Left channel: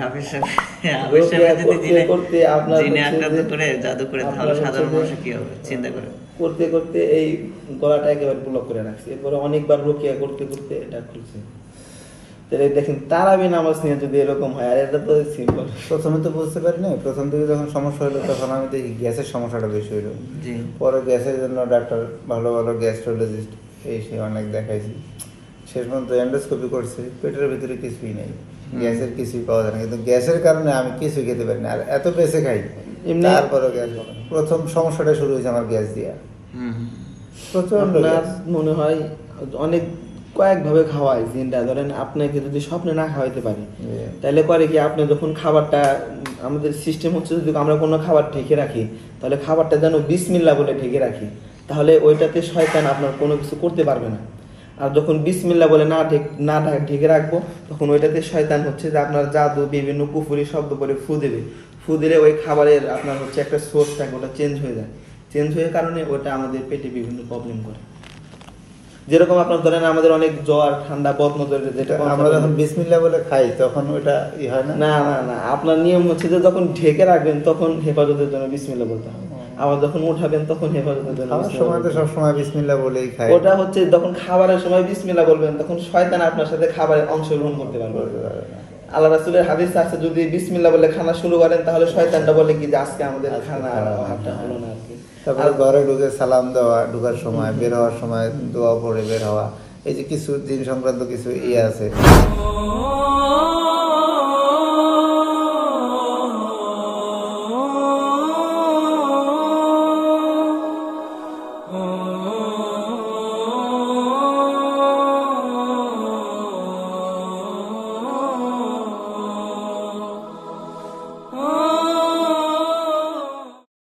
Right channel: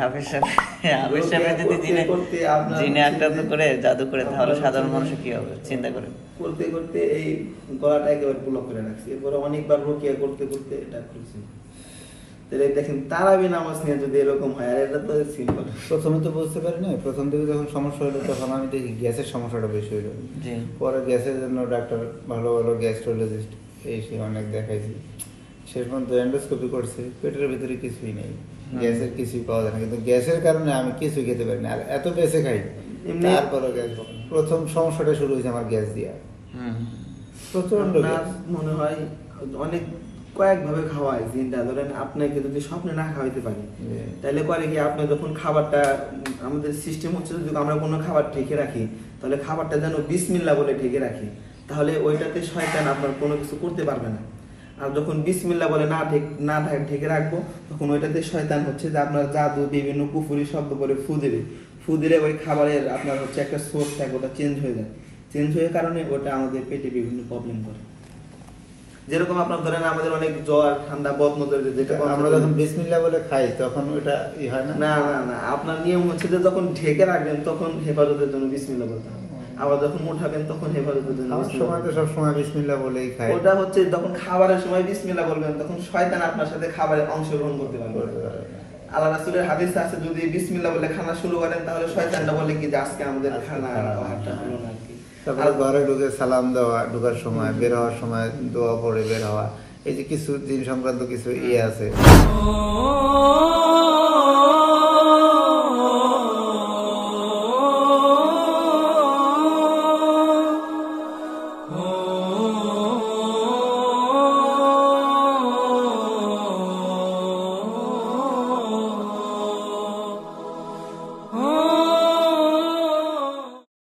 হাফিজ সাহেব যদি জিনে আক্রান্ত করে জাদু করে তাহলে সাধারণ মানুষের কি হবে চিন্তা করে করতে করতে এই গলাটা একেবারে ব্লক করে রাখছে। এরপরে অনেকবার রুকিয়া করতে করতে এটা খুলছে। দেখেন তারাবি নামাজ নিয়ে যদি এরকম হয়, আর এটা তো সিম্পল। প্রথমে তো বুঝতে পারি না, প্রথম থেকে যখন সমস্যা হলো তখন আমি দেখি গ্যাসের সমস্যাটা বেশি হলো। পরে গ্যাসের জন্য ডাক্তার ভালো ভালো গ্যাস্ট্রোলজিস্ট এসে অনেক দেখাইছি, শেষ পর্যন্ত এন্ডোস্কোপি করছে, পেটের ভিতরে কিছুই নেই, গ্যাসের কিছুই পাওয়া যায় না। কিন্তু গ্যাসের কারণে আমি কিছু খেতে পারি না, আর এত বেঁচে খাই তারপরে গ্যাস হবে না। প্রথম সমস্যাটা শুরু হয়েছে আমার গ্যাস দিয়া, প্রচন্ড গ্যাস। মনে হয় অনেক কয়েকভাবে খাওয়াই জিনটা। ধরেন আপনাকে যদি স্বপ্নে না খাওয়াইতে পারি তাহলে পরে কি আপনি যখন খাবারটা, আমাদের সিস্টেম হচ্ছে যদি আমরা কোনো খাবার ঢেকে রাখি তাহলে খাবারটা যেন বিসমিল্লাহ বলে ঢেকে রাখি, তাহলে ওইটাতে শয়তান আপনার কোনো কিছু করতে পারবে না। আর যখন বিসমিল্লাহ বলে না ঢেকে রাখবো তখন ওইটাতে শয়তান হচ্ছে যে আপনার জাদু বিভিন্ন কুফুরি শব্দ বলে ফু দিলে ওই খাবারের আপনার হচ্ছে একটা সোর্স থাকে, ওটা চেঞ্জ হয়ে যায়। চেঞ্জ হয়ে কারণে ওটা আমাদের পেটে বিভিন্ন প্রবলেম করে। যেরকম আপনার ধরেন আমাদের অনেক জ্বর ঠান্ডা বদনজর, যেটা আমরা যখন বিসমিল্লাহ বলে খাই তখন ওইটা হয় না। না না না, আপনার নিয়ম হচ্ছে যে যখন ঢেকে রাখবেন তখন হেফাজতের জন্য বিসমিল্লাহ বলতে হবে, আবার যখন উঠাবেন তখন হেফাজতের জন্য। খাওয়ার সময় তো সবসময় বিসমিল্লাহ বলেই খাই। ওটা হচ্ছে যখন খাবারের সময় বিসমিল্লাহ বলবেন তখন শয়তান আপনার সাথে খাবারে অংশগ্রহণ করতে পারবে। আল্লাহ রাসূলের হাদিস আছে যদি বিসমিল্লাহ বলে খানা শুরু করেন তাহলে শয়তানটা বলে কি যে আজকে আমাদের খানা হলো না। তারপরে ঘরে ঢুকে সালাম দেওয়া, ঢুকার সময় বের হওয়ার সময় দোয়া পড়ে বের হওয়া, এই যে কিছু দিন সংক্রান্ত কিছু ইয়ে আছে।